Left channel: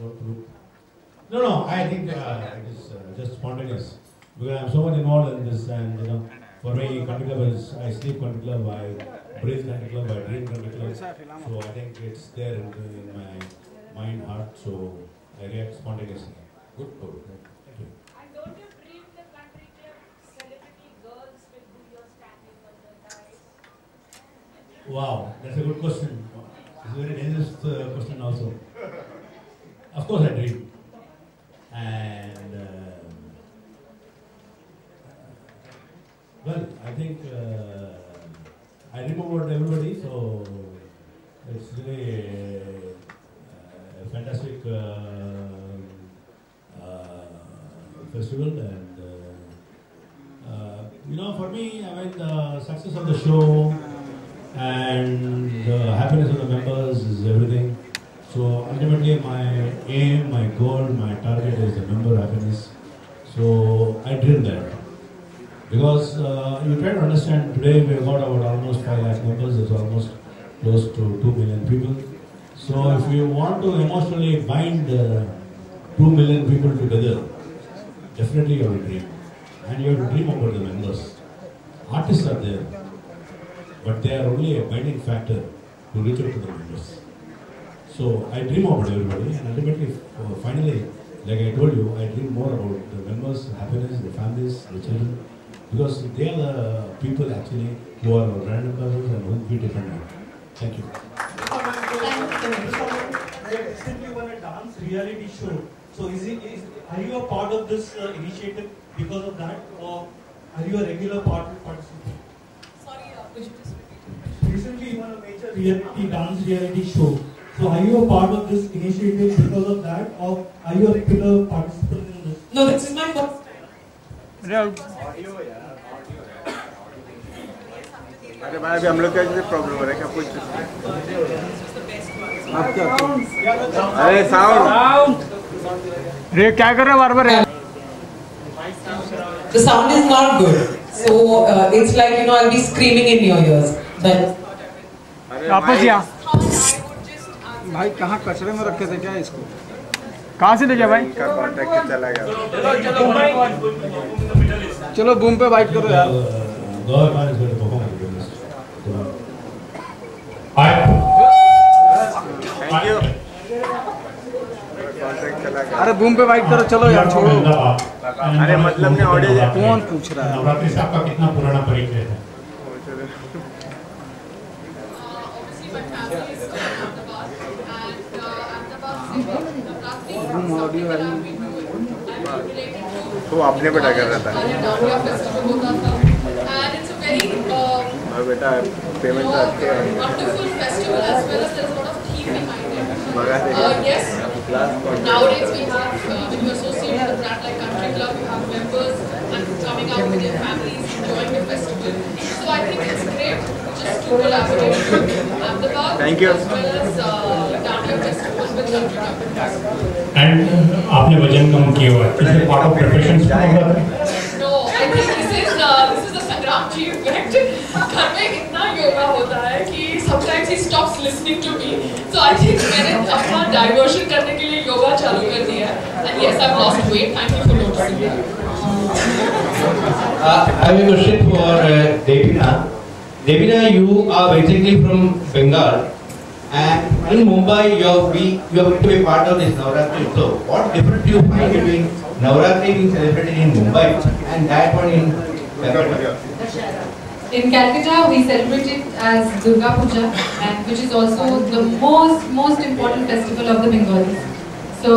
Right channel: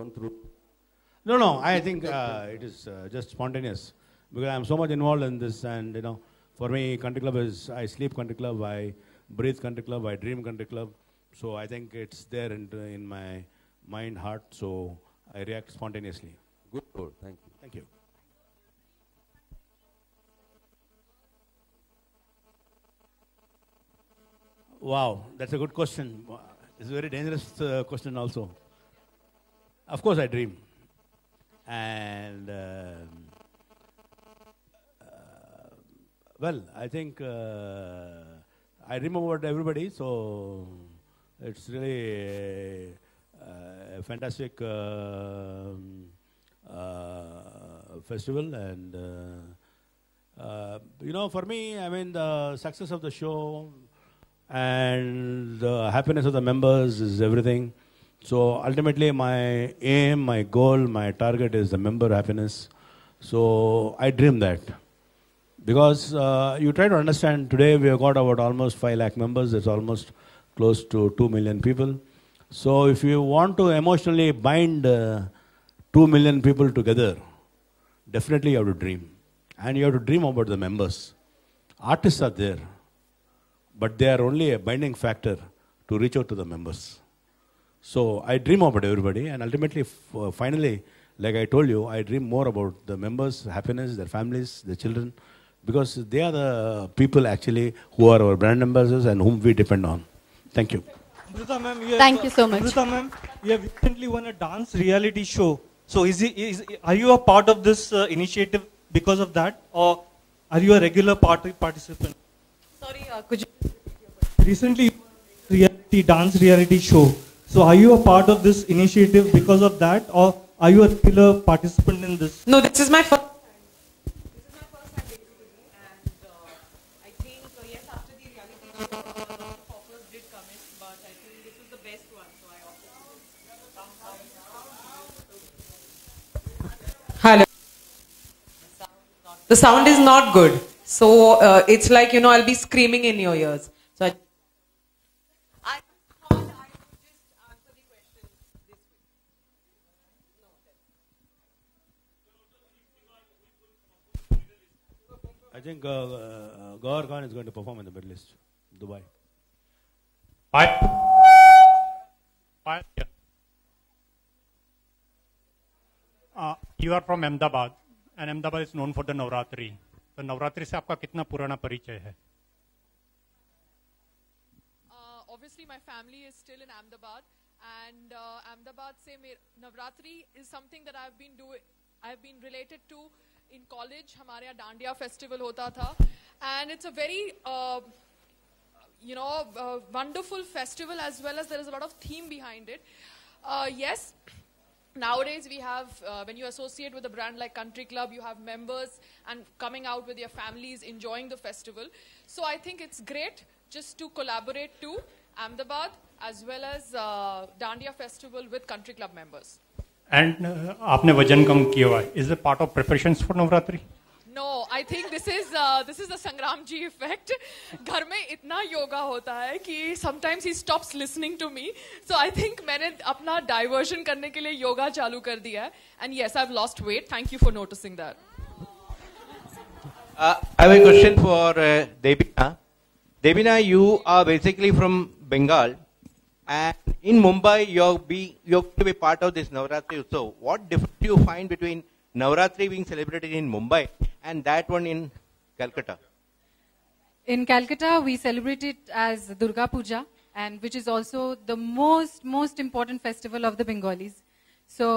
gone through? No, no. I think it is just spontaneous because I'm so much involved in this, and for me, country club is I sleep country club, I breathe country club, I dream country club. So I think it's there in my mind, heart. So I react spontaneously. Good. Thank you. And don't you dream the country club celebrity girls will do your standing on the dice? Wow, that's a good question. It's a very dangerous question also. Of course I dream. And well, I think I dream about everybody, so it's really a fantastic festival. And for me, I mean, the success of the show and the happiness of the members is everything. So ultimately my aim, my goal, my target is the member happiness. So I dream that. Because you try to understand, today we have got about almost 5 lakh members, it's almost close to 2 million people. So if you want to emotionally bind 2 million people together, definitely you have to dream. And you have to dream about the members. Artists are there, but they are only a binding factor to reach out to the members. So I dream about everybody, and ultimately, finally, like I told you, I dream more about the members' happiness, their families, their children, because they are the people actually who are our brand ambassadors and whom we depend on. Thank you. Thank you so much. We have recently won a dance reality show. So are you a part of this initiative because of that, or are you a regular participant? Sorry, could you... Recently you won a major dance reality show. So are you a part of this initiative because of that, or are you a regular participant in this? No, this is my first. अरे भाई अभी हम लोग का क्या problem हो रहा है क्या कुछ आप क्या अरे साउंड रे क्या कर रहे हो बार-बार The sound is not good, so it's like I'll be screaming in your ears. वापस या भाई कहाँ कचरे में रखे थे क्या इसको कहाँ से ले गया भाई का कांटेक्ट चला गया चलो बूम पे वाइट करो यार थैंक यू अरे बूम पे वाइट करो चलो यार छोड़ो अरे मतलब ने ऑडियो कौन पूछ रहा है नवरात्रि साहब का कितना पुराना परिचय है वो अपने बेटा कर रहा था और बेटा पेमेंट करके Nowadays we have, when you associate with a brand like Country Club, you have members and coming out with their families, enjoying the festival. So I think it's great just to collaborate with Ahmedabad Thank you. as well as Dania Festival with Country Club. And आपने वजन कम किया हुआ है, is it part of preparation? No, I think this is a Sangram ji effect. घर में इतना योगा होता है कि sometimes he stops listening to me. So I think मैंने अपना diversion करने के लिए योगा चालू कर दिया है. And yes, I've lost weight. Thank you for noticing. I have a question for Devina. Devina, you are basically from Bengal, and in Mumbai you're going to be part of this Navratri. So what difference do you find between Navratri being celebrated in Mumbai and that one in Calcutta? In Calcutta, we celebrate it as Durga Puja, and which is also the most important festival of the Bengalis. So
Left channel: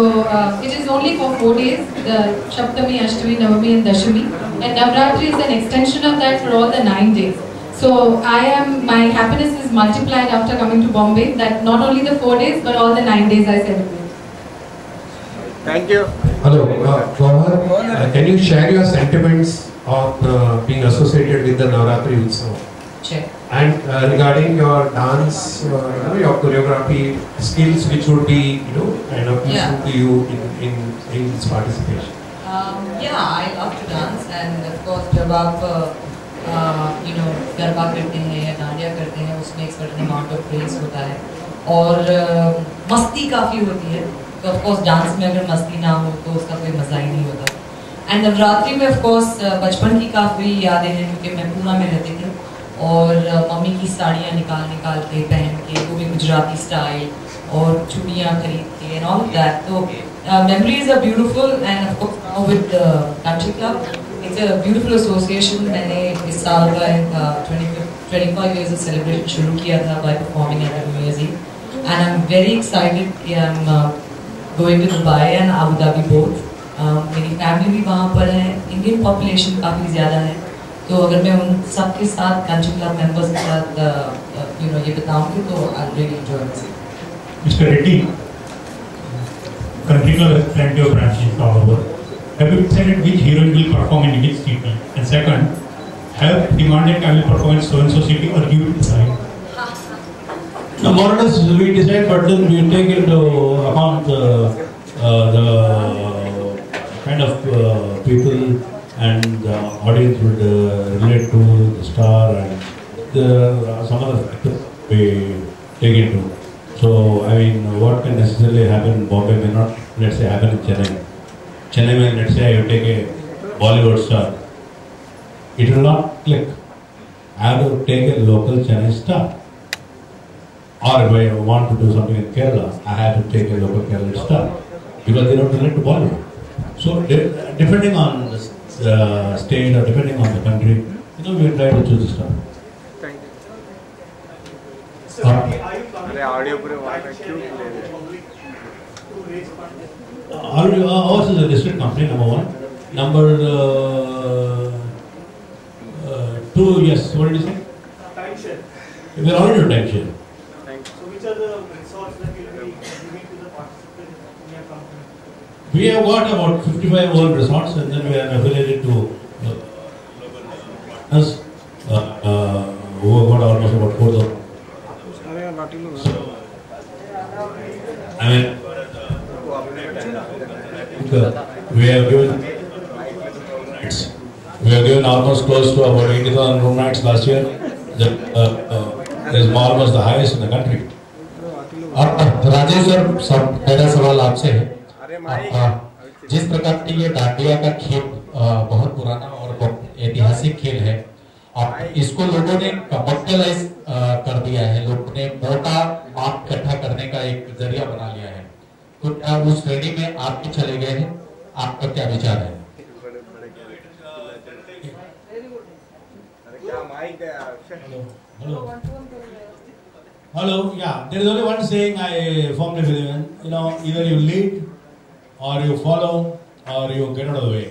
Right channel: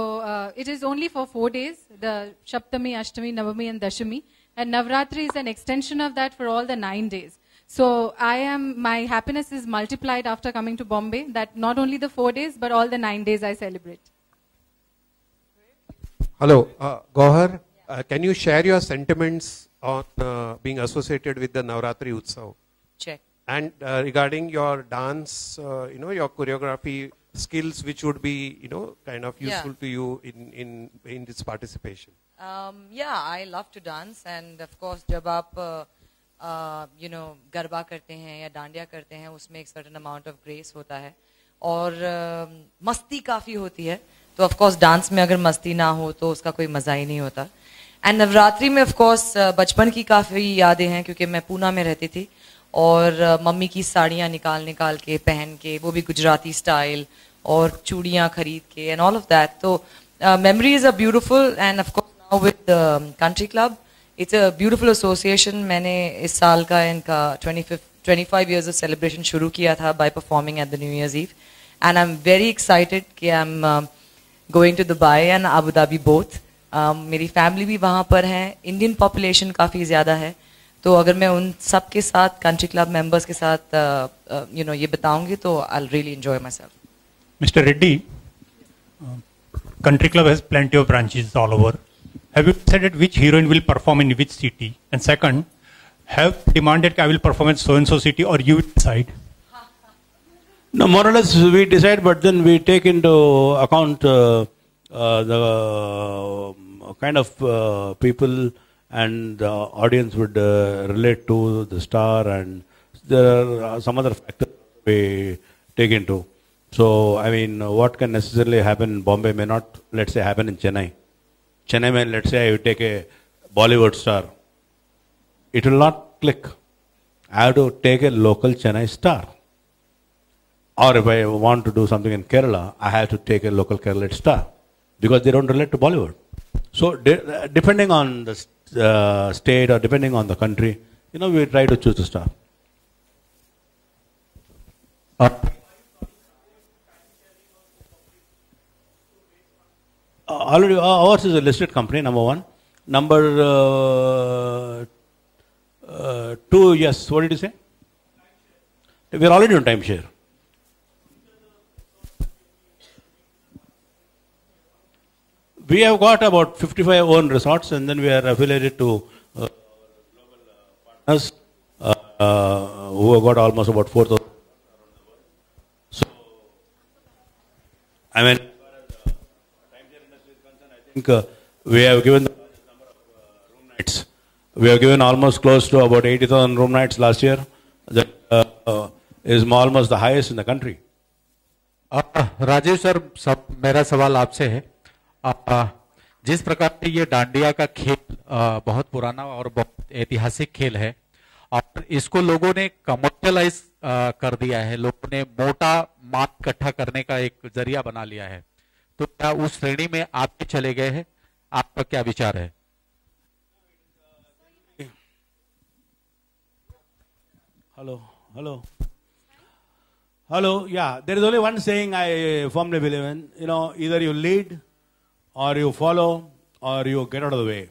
it is only for 4 days, the Saptami, Ashtami, Navami and Dashami, and Navratri is an extension of that for all the 9 days. So my happiness is multiplied after coming to Bombay, that not only the 4 days but all the 9 days I celebrate. Thank you. Hello, Gauhar, can you share your sentiments of being associated with the Navratri Utsav? Sure. And regarding your dance, your choreography skills, which would be, kind of useful to you in this participation? Yeah, I love to dance, and of course, जब आप गरबा करते हैं या डांडिया करते हैं, उसमें एक certain amount of pace होता है और मस्ती काफ़ी होती है. तो ऑफ कोर्स डांस में अगर मस्ती ना हो तो उसका कोई मज़ा ही नहीं होता। एंड नवरात्रि में ऑफ कोर्स बचपन की काफ़ी यादें हैं, क्योंकि मैं पूना में रहती थी और मम्मी की साड़ियाँ निकाल के पहन के, वो भी गुजराती स्टाइल, और चूड़ियाँ खरीद के एंड ऑल दैट। तो memories are beautiful, and of course with Country Club, it's a beautiful association. मैंने इस साल का इनका 25 years of celebration शुरू किया था by performing at the New Year's Eve, and I'm very excited कि I'm going to Dubai and Abu Dhabi both. मेरी फैमिली भी वहाँ पर है, इंडियन पॉपुलेशन काफ़ी ज़्यादा है, तो अगर मैं उन सब के साथ कंट्री क्लब मेंबर्स के साथ ये बताऊँगी तो I'll really enjoy myself. Mr. Reddy, Country Club has plenty of branches all over. Have you decided which heroine will perform in which city? And second, have demanded I will perform in so and so city, or you decide? No, more or less we decide, but then we take into account the kind of people and the audience would relate to the star, and there are some other factors we take into. So, I mean, what can necessarily happen in Bombay may not, let's say, happen in Chennai. Chennai, when let's say I will take a Bollywood star, it will not click. I have to take a local Chennai star. Or if I want to do something in Kerala, I have to take a local Kerala star, because they don't relate to Bollywood. So, depending on the state or depending on the country, we try to choose the star. Ours is a listed company, number one. Number two, yes, what did you say? Timeshare. We are already on timeshare. So which are the resorts that you will be giving to the participants in your company? We have got about 55 own resorts, and then we are affiliated to us who have got almost about 4,000. I mean, we have given almost close to about 80,000 room nights last year. That is almost the highest in the country. Rajesh sir, मेरा सवाल आपसे है, जिस प्रकार की ये डांडिया का खेल बहुत पुराना और बहुत ऐतिहासिक खेल है, और इसको लोगों ने कमर्शियलाइज कर दिया है, लोगों ने मोटा माल इकट्ठा करने का एक जरिया बना लिया है, तो क्या उस श्रेणी में आप भी चले गए हैं? आपका क्या विचार है? Hello, yeah, there is only one saying I firmly believe in, either you lead or you follow or you get out of the way.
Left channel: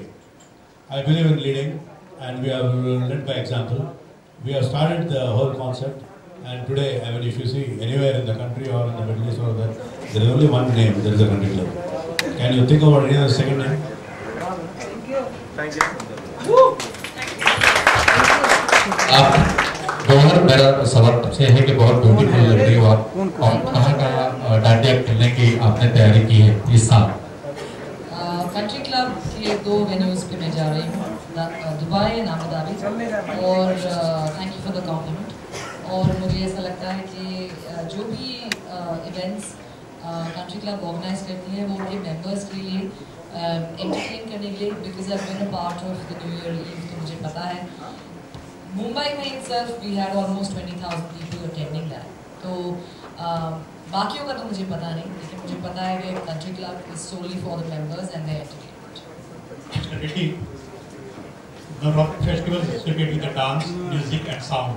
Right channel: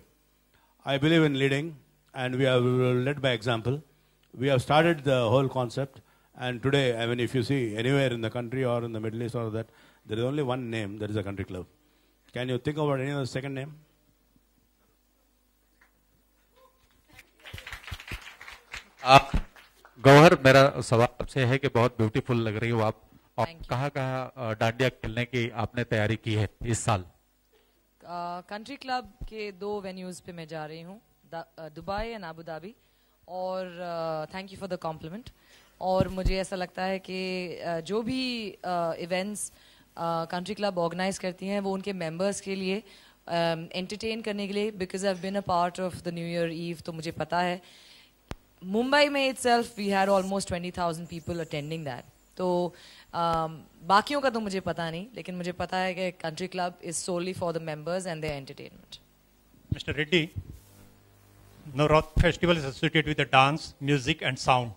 I believe in leading, and we have led by example. We have started the whole concept, and today, I mean, if you see anywhere in the country or in the Middle East or that, there is only one name, there is a Country Club. Can you think about any other second name? Thank you. Gauhar, मेरा सवाल आपसे है कि बहुत beautiful लग रही हो आप, कहाँ का डांडिया खेलने की आपने तैयारी की है इस साल? कंट्री क्लब के 2 वेन्यूज पे मैं जा रही हूँ, दुबई एंड अबू धाबी, और thank you for the compliment. और मुझे ऐसा लगता है कि जो भी इवेंट्स कंट्री क्लब ऑर्गेनाइज करती हैं वो उनके मेंबर्स के लिए एंटरटेन करने के लिए, because I been a part of the New Year Eve, तो मुझे पता है मुंबई में itself we had almost 20,000 people attending that. तो बाकियों का तो मुझे पता नहीं, लेकिन मुझे पता है कि country club is solely for the members and their entertainment. Mr. Reddy, Navratri festival is associated with the dance, music and sound.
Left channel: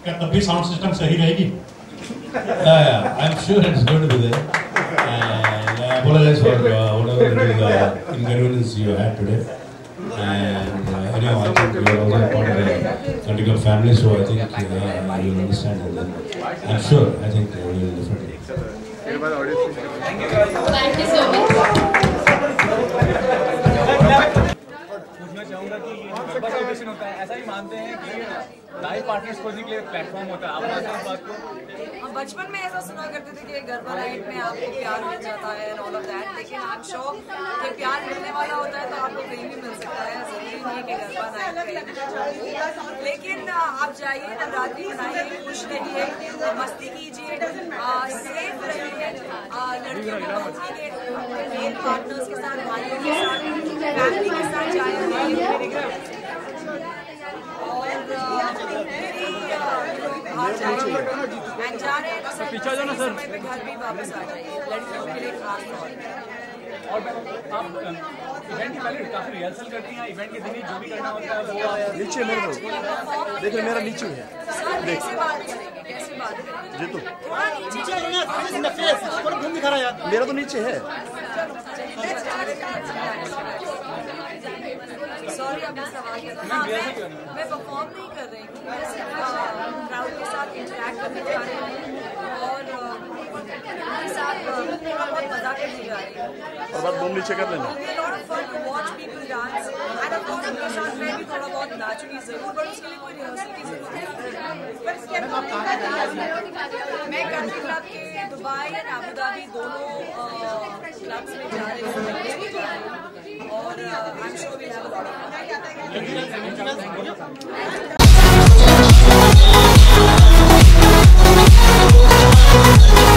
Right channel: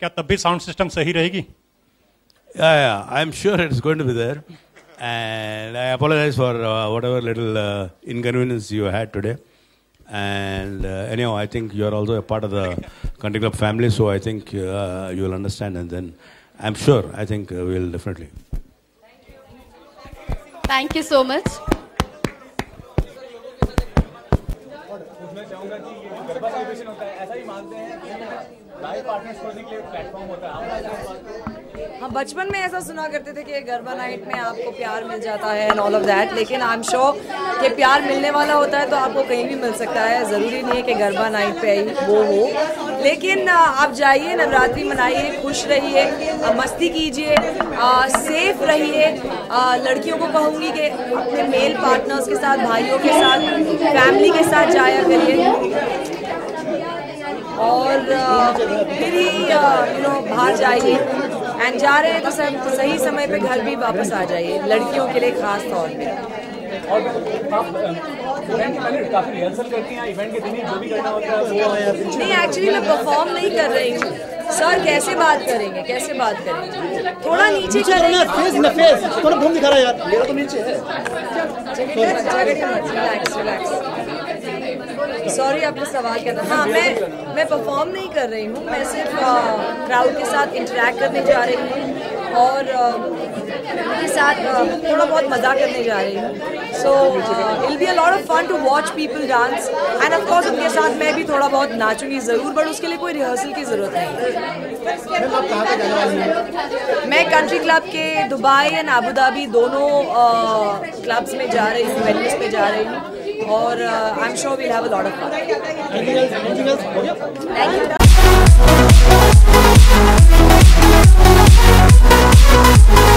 क्या तब भी sound system सही रहेगी? Yeah, I'm sure it's going to be there. And I apologize for whatever little inconvenience you had today. And anyhow, I think you are also part of the Country Club family, so I think you will understand. And then I'm sure, I think we will definitely. Thank you so much. पूछना चाहूँगा कि ये garba celebration होता है, ऐसा भी मानते हैं कि लाइव पार्टनर्स खोजने के लिए प्लेटफॉर्म होता है, आप मानते हैं इस बात को? हम बचपन में ऐसा सुना करते थे कि गरबा नाइट में आपको प्यार मिल जाता है एंड ऑल ऑफ दैट, लेकिन आई एम श्योर कि प्यार मिलने वाला होता है तो आपको कहीं भी मिल सकता है, ज़रूरी नहीं है कि गरबा नाइट पे वो हो। लेकिन आप जाइए, नवरात्रि मनाइए, खुश रहिए, मस्ती कीजिए, सेफ रहिए। लड़कियों को कहूँगी कि अपने मेल पार्टनर्स के साथ, भाइयों के साथ, फैमिली के साथ जाया करिए और फिर ही बाहर जाइए। एंड जा रहे हैं तो सब सही समय पे घर भी वापस आ जाइए, लड़कियों के लिए खास तौर पे। और आप इवेंट के पहले काफी रिहर्सल करती हैं, इवेंट के दिन ही जो भी करना होता है वो नहीं, एक्चुअली मैं परफॉर्म नहीं कर रही हूँ सर। कैसे बात करेंगे, कैसे बात करेंगे? थोड़ा नीचे चलेंगे, थोड़ा घूम दिखा रहा यार, मेरा तो नीचे है। सॉरी, आपने सवाल किया था। हाँ, मैं परफॉर्म नहीं कर रही हूँ, मैं सिर्फ क्राउड के साथ इंटरेक्ट करने जा रही हूँ और उनके साथ थोड़ा बहुत मजा करने जा रही हूँ। So it will be a lot of fun to watch people dance and of course उनके साथ मैं भी थोड़ा बहुत नाचूंगी ज़रूर, बट उसके लिए कोई रिहर्सल की ज़रूरत नहीं। मैं कंट्री क्लब के दुबई एंड अबू धाबी दोनों क्लब्स में जा रही हूँ, वेन्यूज में जा रही हूँ और I am sure we have a lot of fun. Thank you.